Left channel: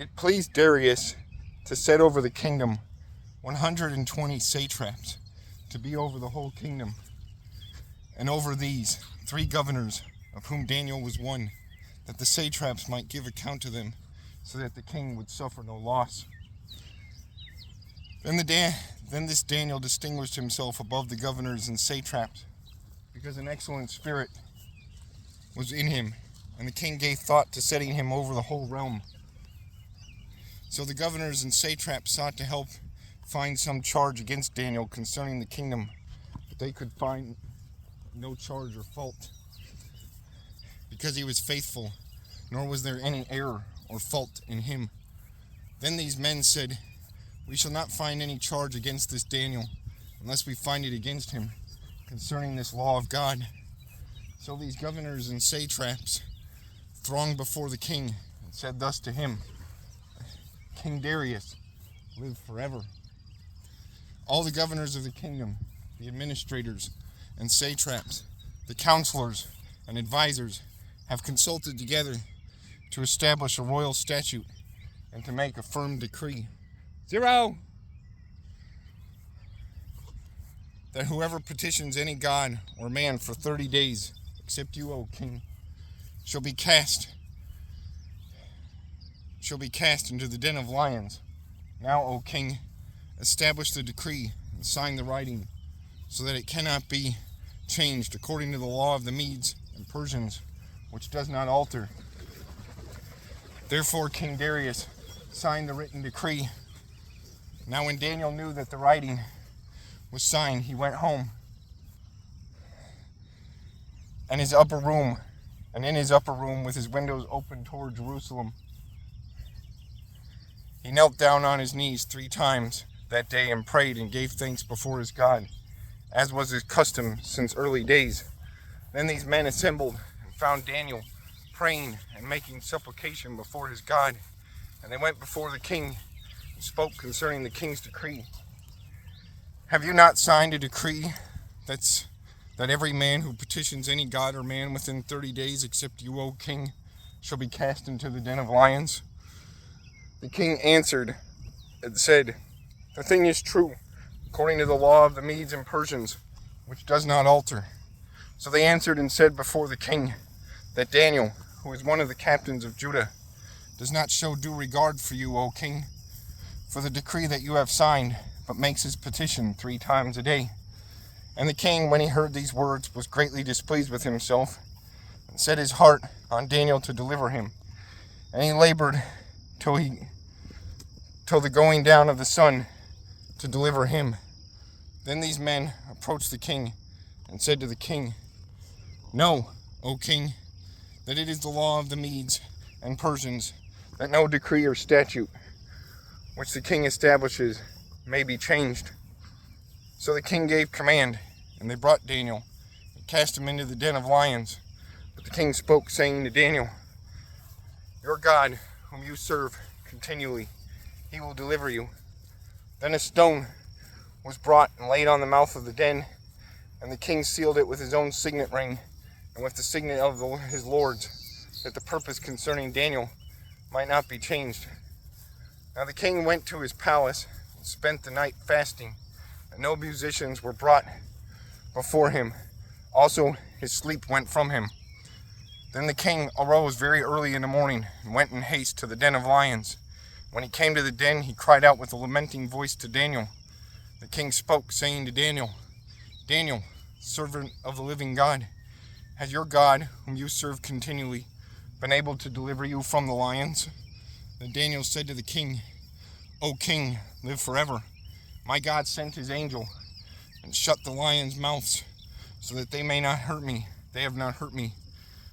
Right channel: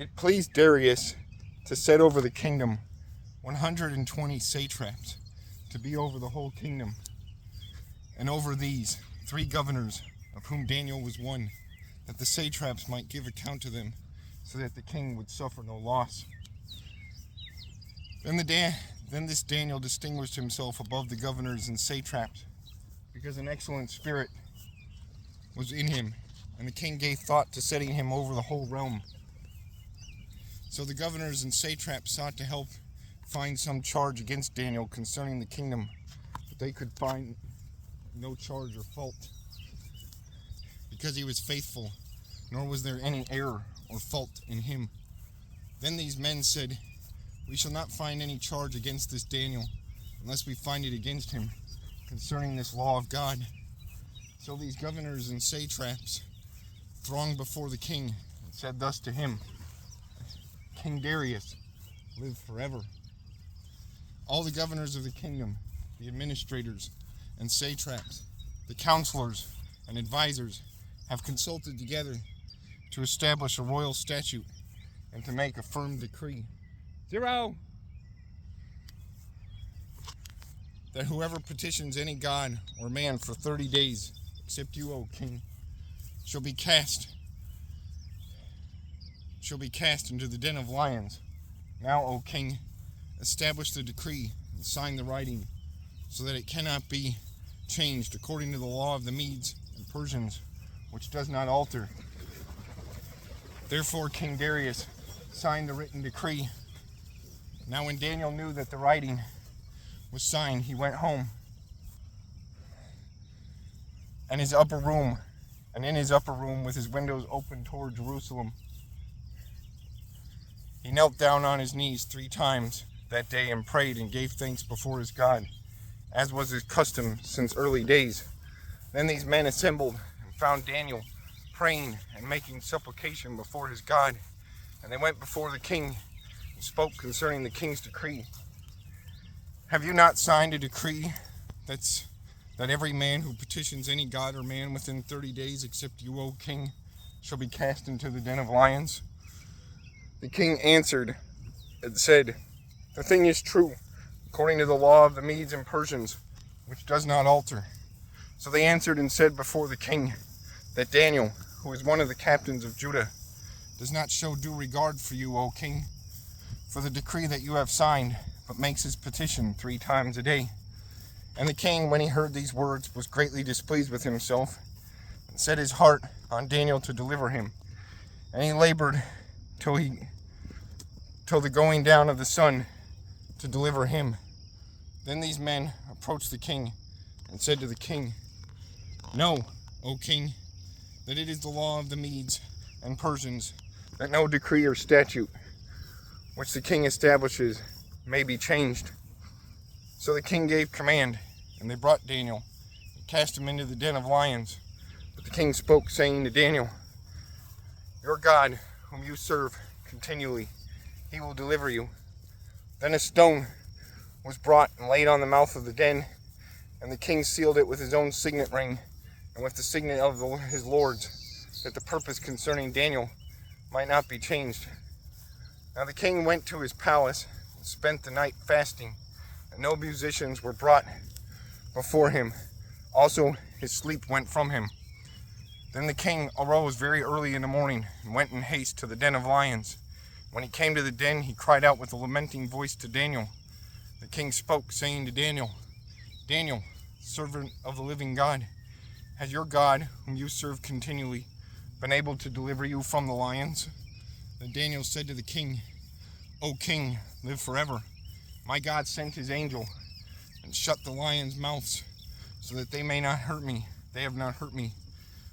It pleased Darius to set over the kingdom 120 satraps to be over the whole kingdom, and over these 3 governors, of whom Daniel was one, that the satraps might give account to them, so that the king would suffer no loss. Then this Daniel distinguished himself above the governors and satraps, because an excellent spirit was in him, and the king gave thought to setting him over the whole realm. So the governors and satraps sought to help find some charge against Daniel concerning the kingdom, but they could find no charge or fault, because he was faithful, nor was there any error or fault in him. Then these men said, "We shall not find any charge against this Daniel, unless we find it against him concerning this law of God." So these governors and satraps thronged before the king and said thus to him, "King Darius, live forever." All the governors of the kingdom, the administrators and satraps, the counselors and advisors, have consulted together to establish a royal statute and to make a firm decree. 0. That whoever petitions any god or man for 30 days, except you, O king, shall be cast into the den of lions. Now, O king, establish the decree and sign the writing, so that it cannot be changed according to the law of the Medes and Persians, which does not alter. Therefore King Darius signed the written decree. Now when Daniel knew that the writing was signed, he went home and in his upper room with his windows open toward Jerusalem, he knelt down on his knees 3 times that day and prayed and gave thanks before his God, as was his custom since early days. Then these men assembled and found Daniel praying and making supplication before his God. And they went before the king and spoke concerning the king's decree. "Have you not signed a decree that every man who petitions any god or man within 30 days, except you, O king, shall be cast into the den of lions?" The king answered and said, "The thing is true, according to the law of the Medes and Persians, which does not alter." So they answered and said before the king that Daniel, who is one of the captains of Judah, does not show due regard for you, O king, for the decree that you have signed, but makes his petition 3 times a day. And the king, when he heard these words, was greatly displeased with himself, and set his heart on Daniel to deliver him. And he labored till the going down of the sun to deliver him. Then these men approached the king and said to the king, "Know, O king, that it is the law of the Medes and Persians that no decree or statute which the king establishes may be changed." So the king gave command, and they brought Daniel and cast him into the den of lions. But the king spoke, saying to Daniel, "Your God, whom you serve continually, he will deliver you." Then a stone was brought and laid on the mouth of the den, and the king sealed it with his own signet ring and with the signet of his lords, that the purpose concerning Daniel might not be changed. Now the king went to his palace and spent the night fasting, and no musicians were brought before him. Also his sleep went from him. Then the king arose very early in the morning and went in haste to the den of lions. When he came to the den, he cried out with a lamenting voice to Daniel. The king spoke, saying to Daniel, "Daniel, servant of the living God, has your God, whom you serve continually, been able to deliver you from the lions?" Then Daniel said to the king, "O king, live forever. My God sent his angel and shut the lions' mouths, so that they may not hurt me. They have not hurt me,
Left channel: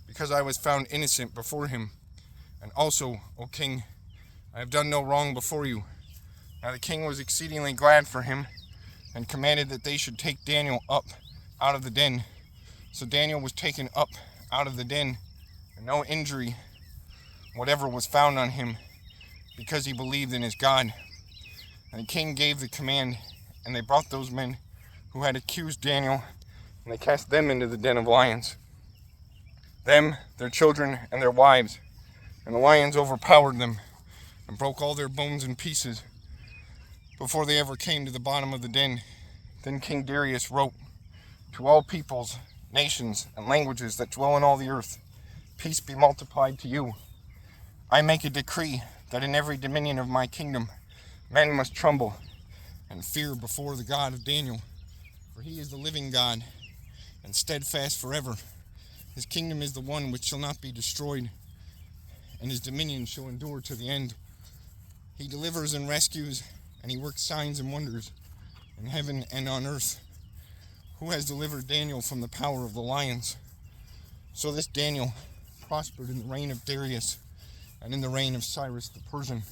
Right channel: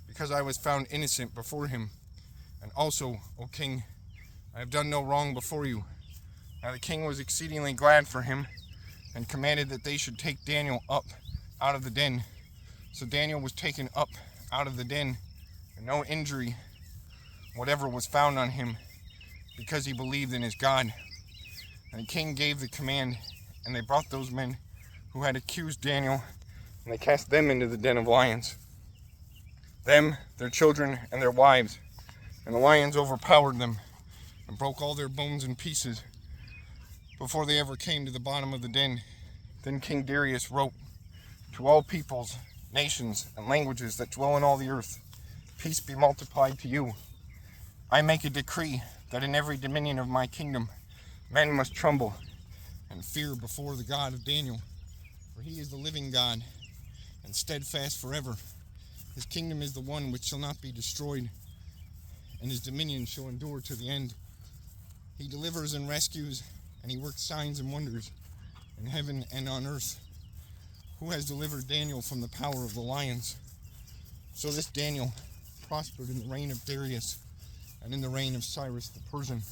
because I was found innocent before him. And also, O king, I have done no wrong before you." Now the king was exceedingly glad for him, and commanded that they should take Daniel up out of the den. So Daniel was taken up out of the den, and no injury whatever was found on him, because he believed in his God. And the king gave the command, and they brought those men who had accused Daniel, and they cast them into the den of lions. Them, their children, and their wives, and the lions overpowered them, and broke all their bones in pieces before they ever came to the bottom of the den. Then King Darius wrote, to all peoples, nations, and languages that dwell in all the earth, peace be multiplied to you. I make a decree that in every dominion of my kingdom, men must tremble and fear before the God of Daniel, for he is the living God, and steadfast forever. His kingdom is the one which shall not be destroyed, and his dominion shall endure to the end. He delivers and rescues, and he works signs and wonders in heaven and on earth. Who has delivered Daniel from the power of the lions? So this Daniel prospered in the reign of Darius and in the reign of Cyrus the Persian.